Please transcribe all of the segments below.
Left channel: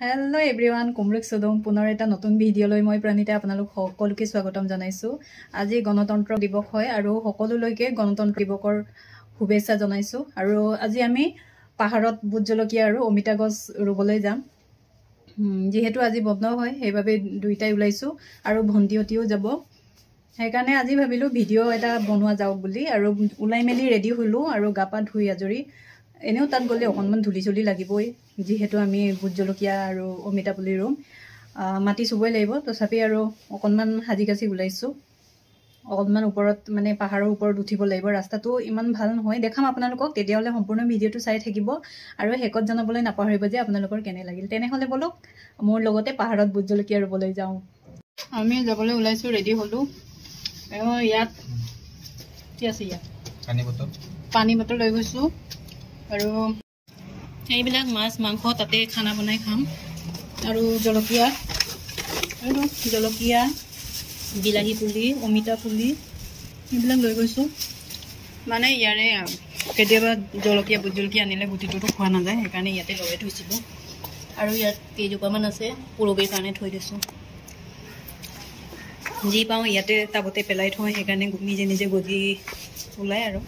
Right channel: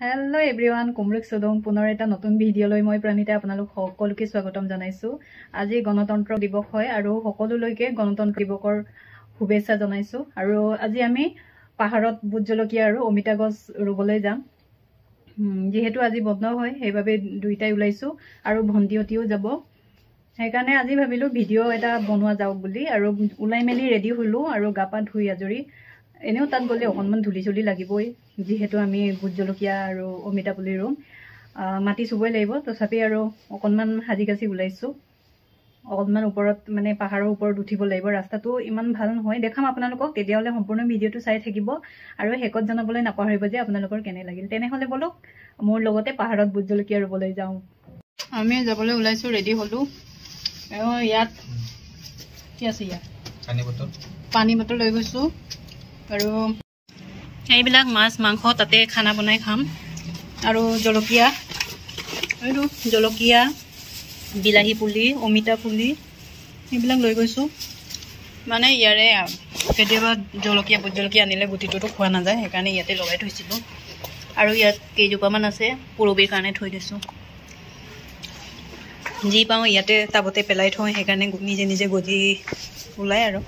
Hello everyone, Kumlik Sudum Punar eta notun video loi moi Pranita আপোনালোক সকলোকে স্বাগতম জনাইছো। আজি গণতন্ত্ৰ দিৱস হয় আৰু সকলোলৈকে গণতন্ত্ৰ দিৱসৰ শুভেচ্ছা জনাইছো আৰু আজি আমি পাহাৰত বুট জলকীয়া আৰু অমিতা গছ ৰুবলৈ যাম। যেহেতু আজি বন্ধ হয় সেইভাবে দুইটাই উলাইছো আৰু ভন্টিহতিও যাব। সেইকাৰণে আজি ভাবিলো ভিডিও এটা বনোৱা যাও বুলি আৰু উলাই মেলি ৰেডি হলো আৰু গাপা ধুই আজৰি এনেও তান গলে অকনমান ধুলি চলি লাগিবই যেহেতু আমি বুট জলকীয়া আৰু অমিতা পুলি ৰুম মাটি চবই লাগিব তথাপি আৰু অকনমান হাজি কাছি উলাইছো অকনমান ওপৰত মানে পাহাৰৰ ওপৰত উঠিব লাগিব ৰাস্তাটো ইমান ভাল নহয় দেখাম আপোনালোকক তেতিয়ালে সম্পূৰ্ণ ভিডিওটো চাই থাকিব আৰু হেকত জানাবলৈ নাপাহৰিব যে আপোনালোকৰ কেনে লাগিল তেনেহলে বলো মোৰ লগতে পাহাৰত বুট জলকীয়া ৰুবলৈ যাও আমি যাবলৈ উলাইছো ৰেডি হলো আৰু ইয়াত কি আছে ইয়াত পানী বটল লৈ গৈছো আৰু এইবিলাক মাছ মাংস তাতে খানা বনাই খাম আৰু জলকীয়া বিলাহী পুলি অমিতা পুলি এইবিলাক লৈ গৈছো মানে ইয়াৰে কেতিয়াবা জলকীয়া বুট জলকীয়া আনিলে গুটিটোতো খোৱা নাযায় সেইকাৰণে ইয়াতে লগাই থৈছিলো আৰু ইয়াত কেইজোপামান আছে পুৰবিৰ কাৰণে থৈ দিছো যি পাওঁ ইয়াতে টাবতে পেলাই থৈ সেইকাৰণে নিজে নিজে গজি ওলাই আৰু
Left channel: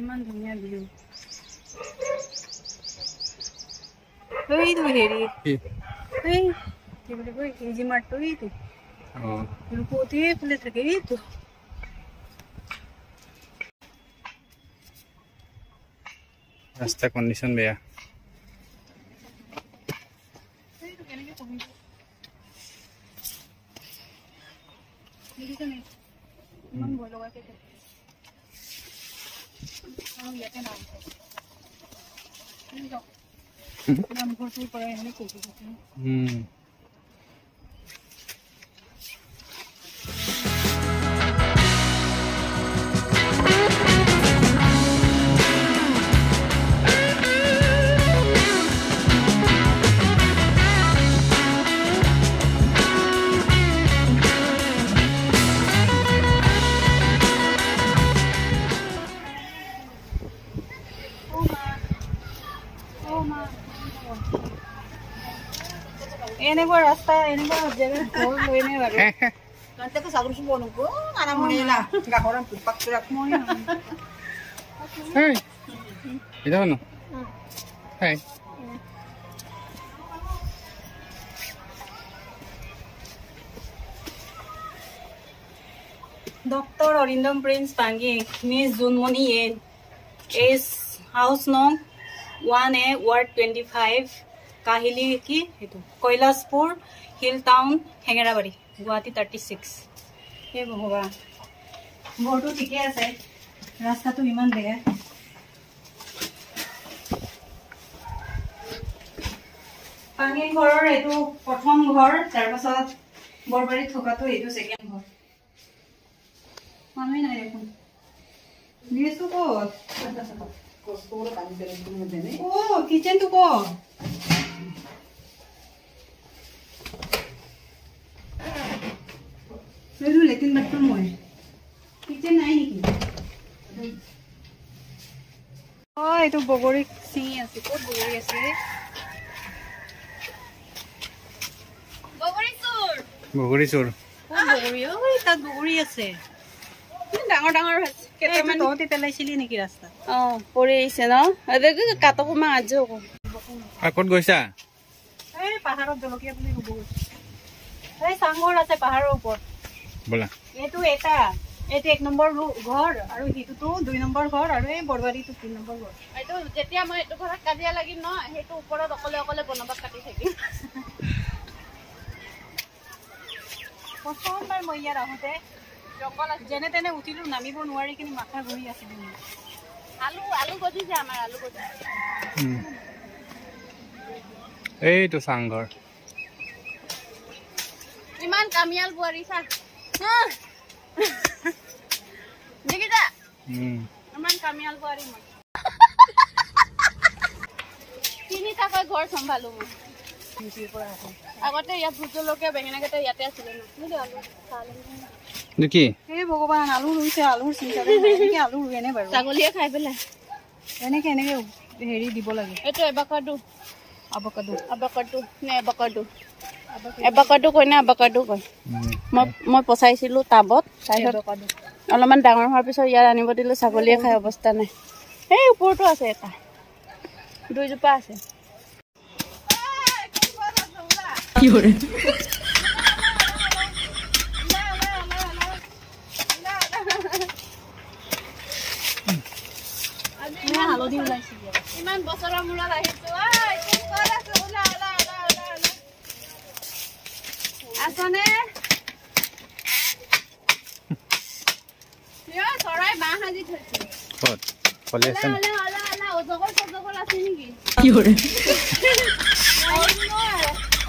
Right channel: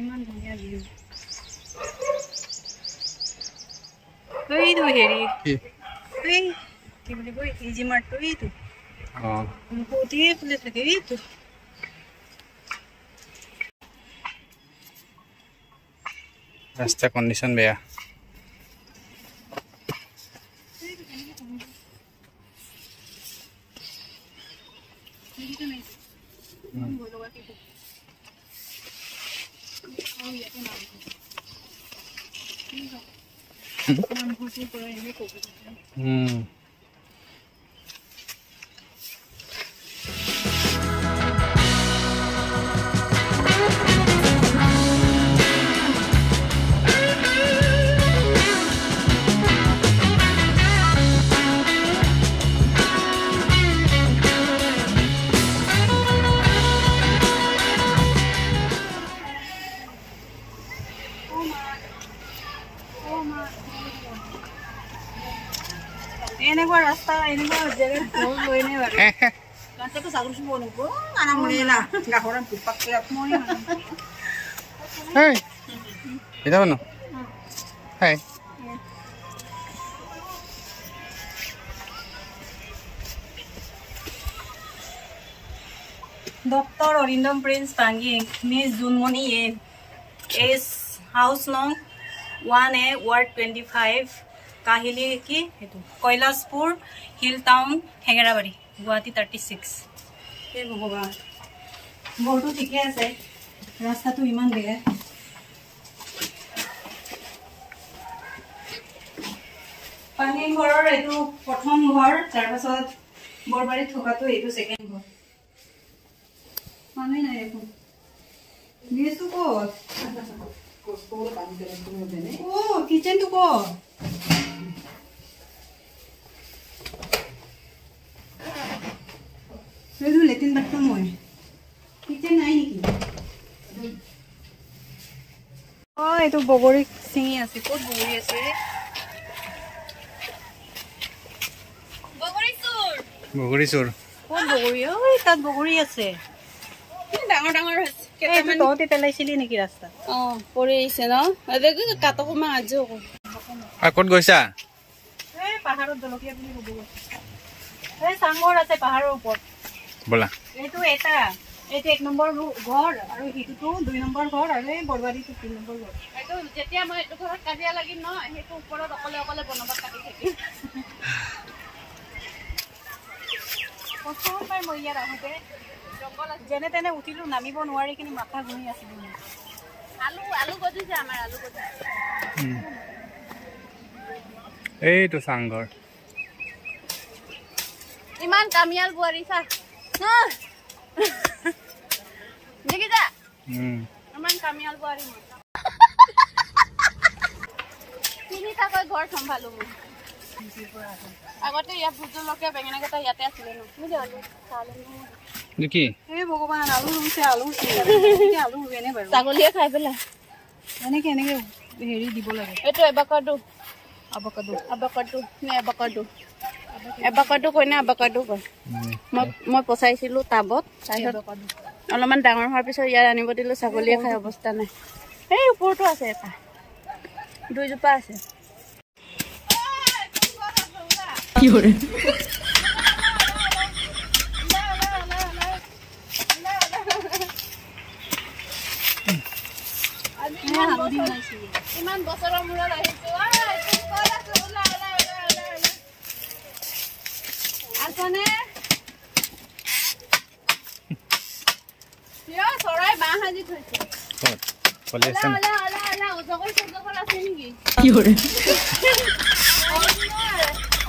ইমান ধুনীয়া ভিউ এইটো হেৰি এই কি বুলি কয় ইজি মাৰ্টটো এইটো ৰূপতি ফুলে থাকে এইটো ৰাস্তা কণ্ডিশ্যন বেয়া এনেকুৱা ৰাস্তা এনেকুৱা জেগা ভাল হয় নে বাৰু ৰাস্তাটো সাগৰ সুব নকো আনা মনে না গাহৰন টুপাক কৰি মই হেই এটা বনো হেই Dr. Orindam Prince Tangi, Miss Junmoni is house nong 1A Ward 25 Kahili ki Koilaspur Hill Town Hengarabari Guwahati 36 हे भगवान बोर्डो ठीके আছে রাস্তাটো ইমান বেয়া পানী ঘৰৰ এইটো প্ৰথম ঘৰ তাৰ পাছত বৰবাৰী থকাটো এইটো সেকেন্ড ঘৰ মানুহ নাই এখন লেসু কো কষ্টবোৰ পানী পেলাই তুমি বেনে ও কিচেন তো কো Pero letin bathroom mo kitchen নাই নেকি এইটো বগৰী চিঙি আছে ক'ত বগৰী আছে বগৰী চোৰ বগৰী ঐ তাত বগৰী আছে ডাঙৰ ডাঙৰ আছে কেইটামান তহঁতে পেলাইছিলি নেকি ৰাস্তা পৰি আহিছে ন এদেকে কাটকো মা আজো ক'ত গৈছা এই পাহাৰত জলকীয়া পুলি ৰুব এই সাংগৰ আছে পাহাৰৰ ওপৰত বলা এইটো এটা এটা 1 নম্বৰ ঘৰ আৰু হিটুটো 2 নম্বৰ ঘৰ আৰু এই বৰবাৰীটো 3 নম্বৰ ঘৰ এইটো যেতিয়া মই এটো ঘৰত কাজিয়া লাগিম ন হেতু ওপৰত অকলে অকলে বনবাত কাটি থাকিম প্ৰথমবাৰ মই ইয়াৰ আহোঁতে জংগল যেনে তেনে উঠিলো নামিব নোৱাৰি কিনি মাথা ঘূৰি আছিল আলু গজিছে আমাৰ আলু গজিছে এইটো চাংঘৰ ইমান কামিয়াল বুৱাৰী চা দেখিছা ইমান কামিয়াল বুৱাৰী মই তিনিটাকৈ ঘৰ চম্ভালো মই আগতে ইয়াত ভুজলকে বেঙেনাকেইটা ইয়াতে আছিলে দেখি হে ভগৱান আলু ৰুইছে আলুৰ চিন্তা এনেকে আলু ৰুৱেনে বাৰু ছাগলীয়ে খাই পেলাই এনেকে হেৰি দিব লাগে এইটো এবাকাডো কয় নে এবাকাডো কয় মই পচাইছিলোঁ টাবত অলপমান ডাঙৰ হোৱাৰ পিছত ইয়াত আনিব দিলোঁ ছাগলীয়ে খাই অৱস্থা নাই এই ওপৰতো আছে এটা 2 জোপা আছে কি কৰে ইমান বছৰৰ মূৰত আহিছো আছনে চৰাই বাঁহ সাজি থৈছে অজগৰ আছে নেকি কি কৰে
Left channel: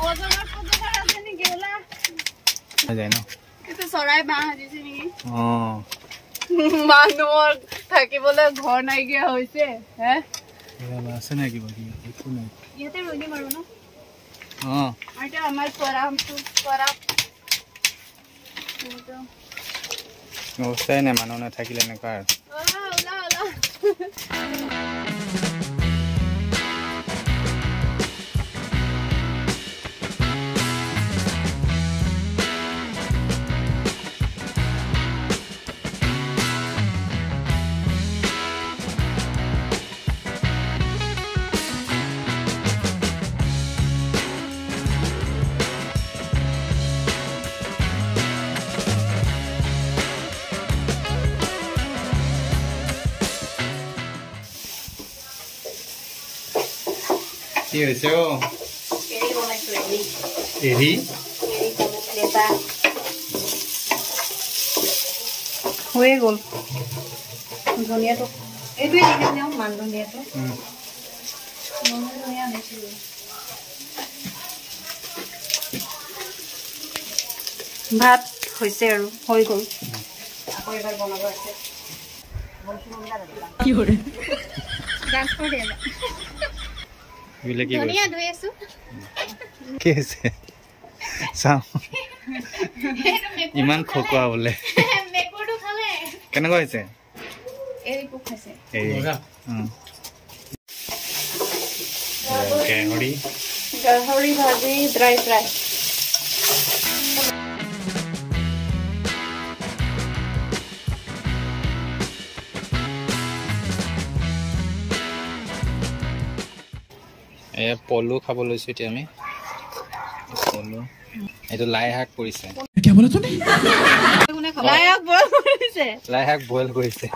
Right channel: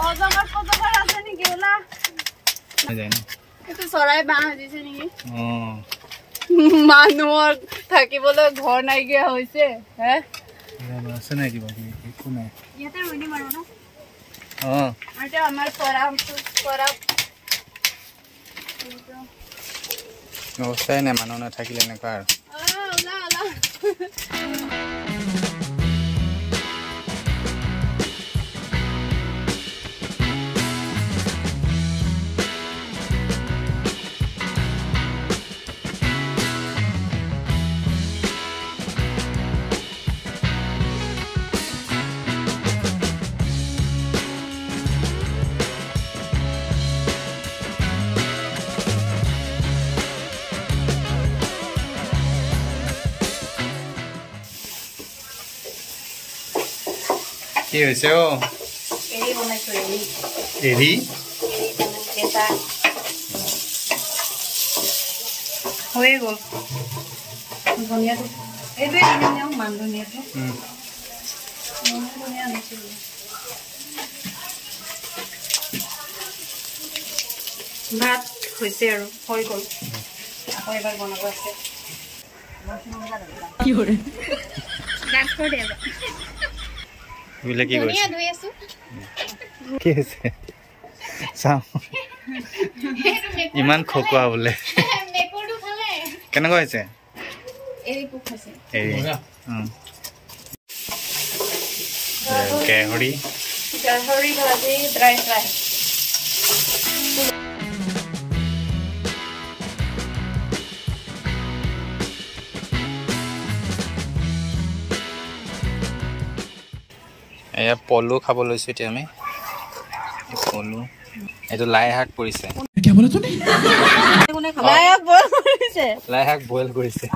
অজগৰ আছে নেকি ওলা এইটো চৰাই বাঁহ সাজিছে নেকি মানুহৰ থাকিবলৈ ঘৰ নাইকিয়া হৈছে হে আছে নাই কিবা একো নাই ইয়াতে ৰৈ দিম আৰু ন এটা আমাৰ অৱস্থাই নাই মানুহ নাথাকিলে এনেকুৱা আৰু কি হৈছে এৰি হয়ে গ'ল ধনিয়াটো এইটোৱে মান ধনিয়াটো ধনিয়া আনিছিলোঁ ভাত হৈছে আৰু হৈ গ'ল আকৌ এবাৰ বনাব আছে কি কৰে ইমান খকুৱা বোলে কেনেকুৱা হৈছে গাহৰি ভাজি ড্ৰাই ফ্ৰাই এয়া পলু খাব লৈছোঁ এতিয়া আমি পলু এইটো লাই শাক পৰিছে লাই শাক বইল কৰিছে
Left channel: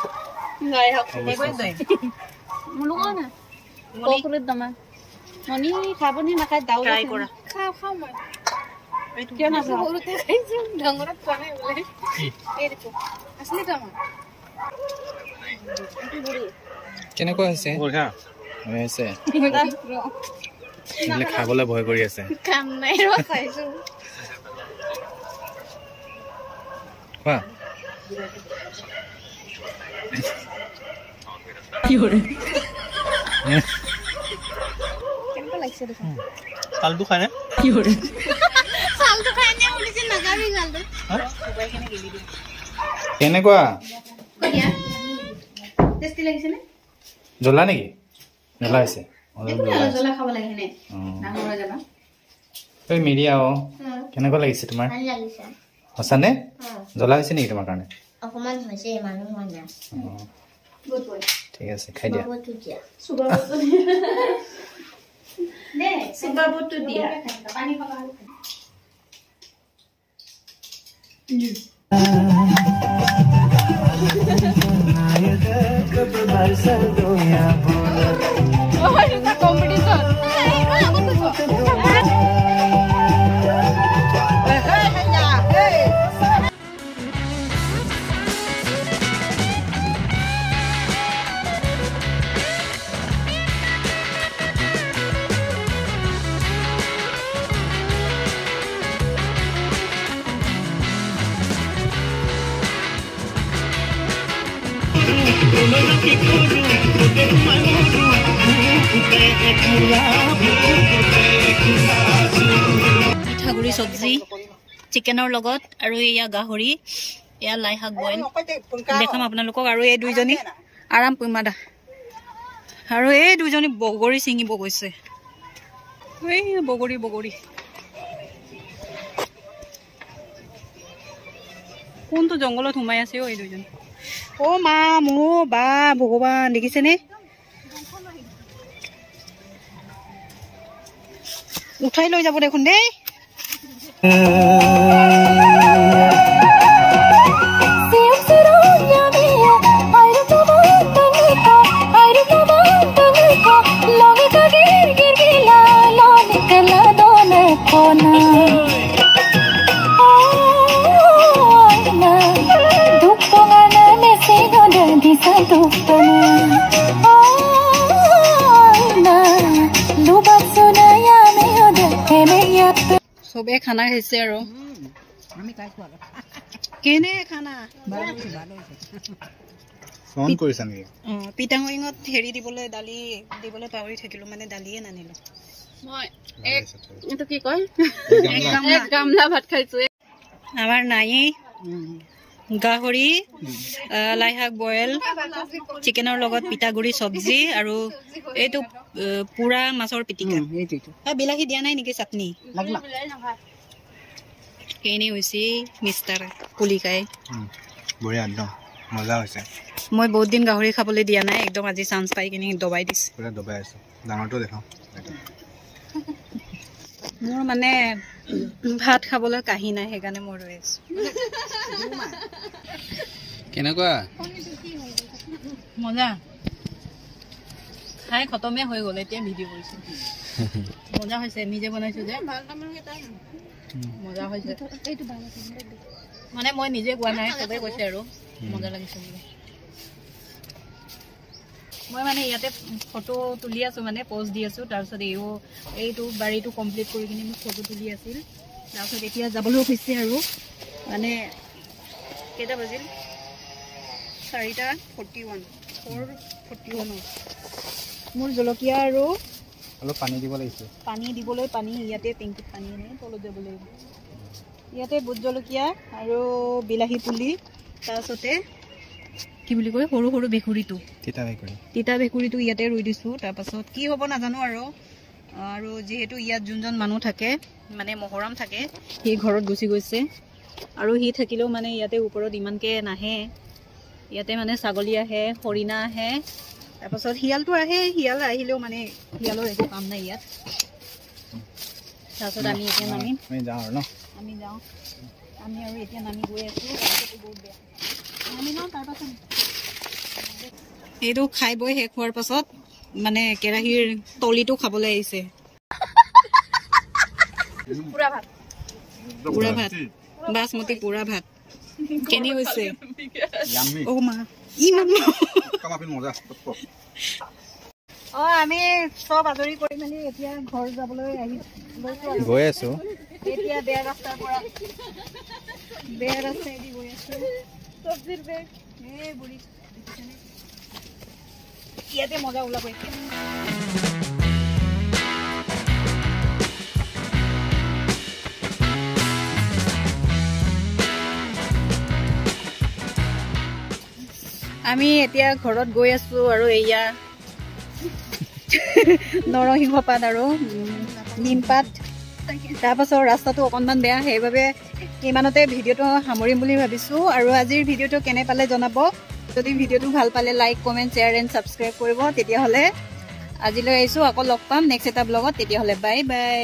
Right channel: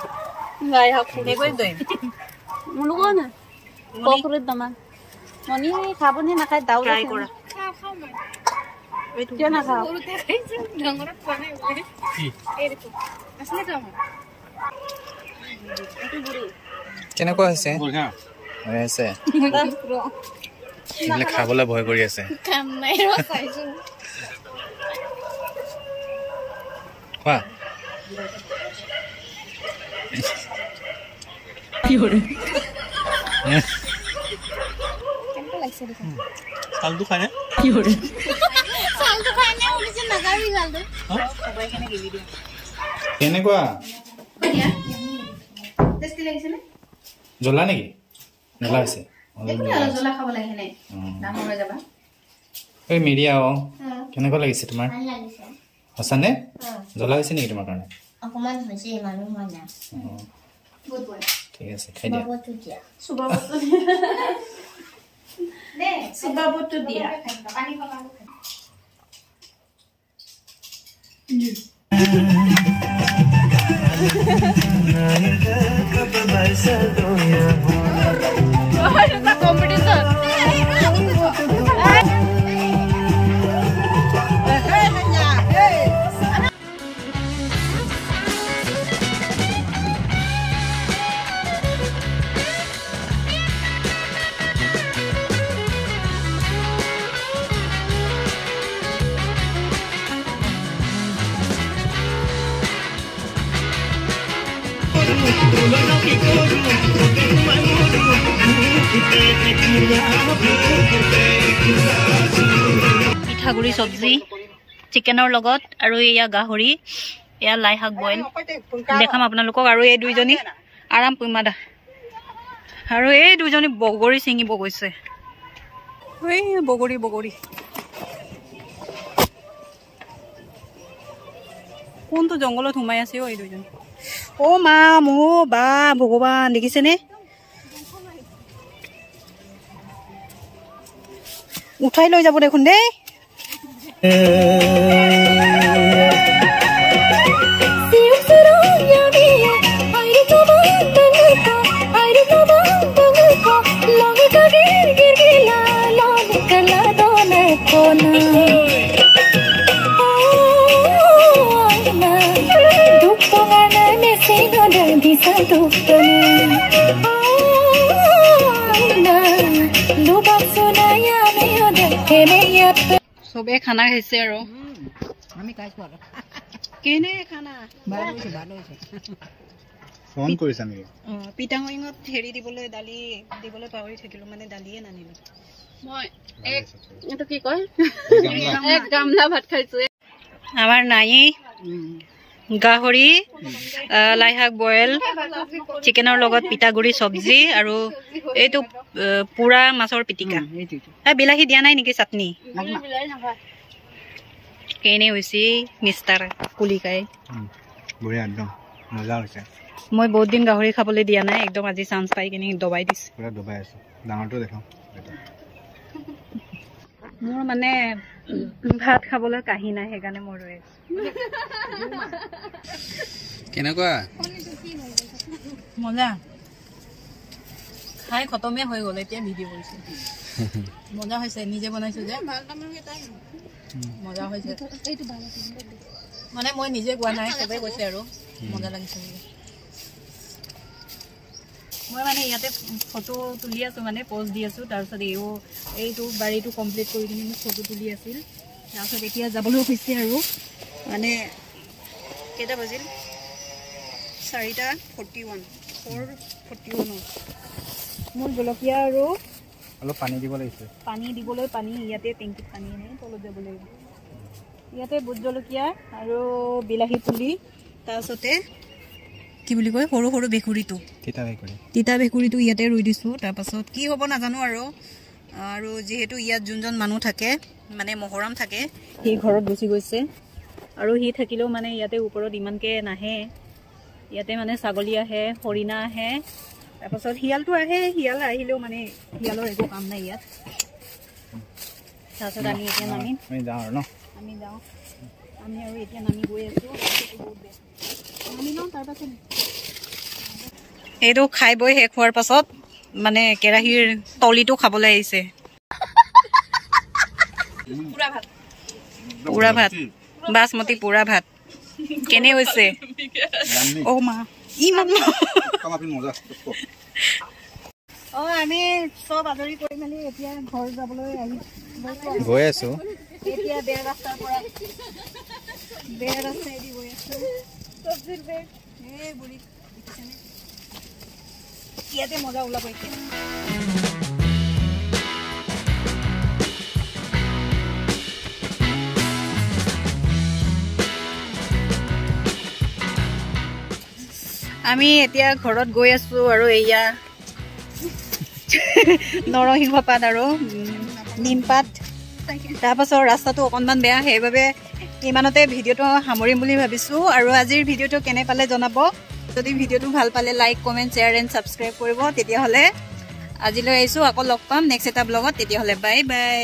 কেনেকুৱা হৈছে খাবলৈ ভয় কৰি আছে কোৱা কি কৰে চালটো খায় নে কি কৰে কেনেকুৱা জ্বলা নেকি জ্বলা আছে মিডিয়া কেনেকুৱা লাগিছে তোমাৰ সঁচানে জ্বলা হৈছে নেকি তোমাৰ কাৰণে ঠিক আছে খাই দিয়া পিঠাগুড়ি চব্জি চিকেনৰ লগত আৰু এয়া গাহৰি এয়া লাই শাক বইল দেখাম আপোনালোকক আৰু এই দুইজনী আৰাম পইমাদা আৰু এই দুইজনী বগৰী চিঙিব গৈছে বগৰী বগৰী কোনটো জংঘলত সোমাই আছে এই দুইজনী ও মা মো বা ভগৱান দেখিছেনে উঠাই লৈ যাব দেখোন দেই সবে খানা খাইছে আৰু কেনে খানা ফোন কৰিছা নেকি পিটাঙত হেৰি দিবলৈ দালি দিবলৈ পাহৰি থাকিলো মানে দালিয়ে নানিলো কি কয় এক গামলা ভাত খাইছো আমাৰ নাই গাহৰি লাই শাক বইল চিকেনৰ লগত পিঠাগুড়ি চব্জি আৰু এইটো পুৰা মাছৰ পিটিকা বিলাহী দিয়া নাই নেকি চাটনি কেনে হৈছে মিষ্টাৰ কুলিকাই বঢ়িয়া একদম মজা হৈছে মই বহুত দিন গাহৰি খাবলৈ দিয়া নাই একদম আজি চান্স পাই কিনে দবাই দিছে পুৰা দবাই আছে ডাঙৰটো দেখাম মোৰ মানে ভাত খাবলৈ কাহি নাই সেইকাৰণে মই ৰৈ আছো কেনেকুৱা মজা খাই খতমে হৈ গ'ল এতিয়া ভিডিঅ' কৰিছো মজা হৈছে নিজে বনাইছো যে মজা হৈছে মানে মই নিজে কোৱা নাই চবে কৈছে আৰু মজা লাগিছে বুলি মই মানে ইয়াতে ফটো তুলি আছো মানে পোষ্ট দি আছো তাৰপিছত এইটো বাৰীটো কমপ্লিট কৰি কিনে মোক ফটো তুলি আছিল তাৰপিছত এতিয়া যাবলৈ হৈছে আৰু মানে কেইটা বাজিল 4:41 মোৰ জলকীয়া আৰু অলপ পানী দিব লাগিছে পানী দিবলৈ পানী ইয়াতে টেংকিত পানী আনে তলত যাব লাগিব ইয়াতে বুট জলকীয়া আৰু বিলাহী পুলি তাৰপিছতে কি বুলি কয় সৰু সৰু বেকুৰিটো তিতা বেকুৰিটো ইয়াতে ৰুই দিছো তাৰপাছত কি হ'ব নাজানো আৰু যিহেতু ইয়াত যোনজন মানুহ থাকে মানে মহৰম থাকে সি ঘৰত গুচি গৈছে আৰু সি থাকিলেও মানে ইয়াতে ওপৰত ইমানকে নাহে ইয়াতে মানে ছাগলী আহে হৰিণা আহে তাৰপাছত শিয়ালটো আহে শিয়াল আহিলেও মানে শিয়ালৰ একো কাম নাই ইয়াত তাৰপিছত আমি এতিয়া আমি যাওঁ আমি আৰু এতিয়া নামি গৈ আছো নামি লওঁ তাৰপাছত এইটো খাই বৈ শেষ হোৱাৰ পাছত মানে কেৰাহীৰ তলিটো খাবলৈ আহিছে পুৰা ভাত বাসমতি পুৰা ভাত কেনে হৈছে অ মা আমি চব আজৰি কৰি মেলি এতিয়া ঘৰ যাবলৈ গৈ আছো বেয়া ৰাস্তাইদি গৈ আছো ইয়াতে মজা ওলা পাইছে আমি এতিয়া ঘৰত গৈ আছো আৰু এয়া নৰসিংহ পাত আৰু নিম পাত তাৰপাছত ৰাস্তাটো অকণমান বেয়া সেইবাবে ইমানতে ভিডিঅ'টো সামৰিম বুলি ভাবিছো আৰু আজিৰ ভিডিঅ'টো কেনে পালে জনাব যদি ভিডিঅ'টো ভাল পালে like comment share and subscribe কৰিব তেতিয়াহ'লে আজিলৈ আহিছোঁ আকৌ লগ পাম নেক্সট এটা ব্লগত তেতিয়াহ'লে বাই বাই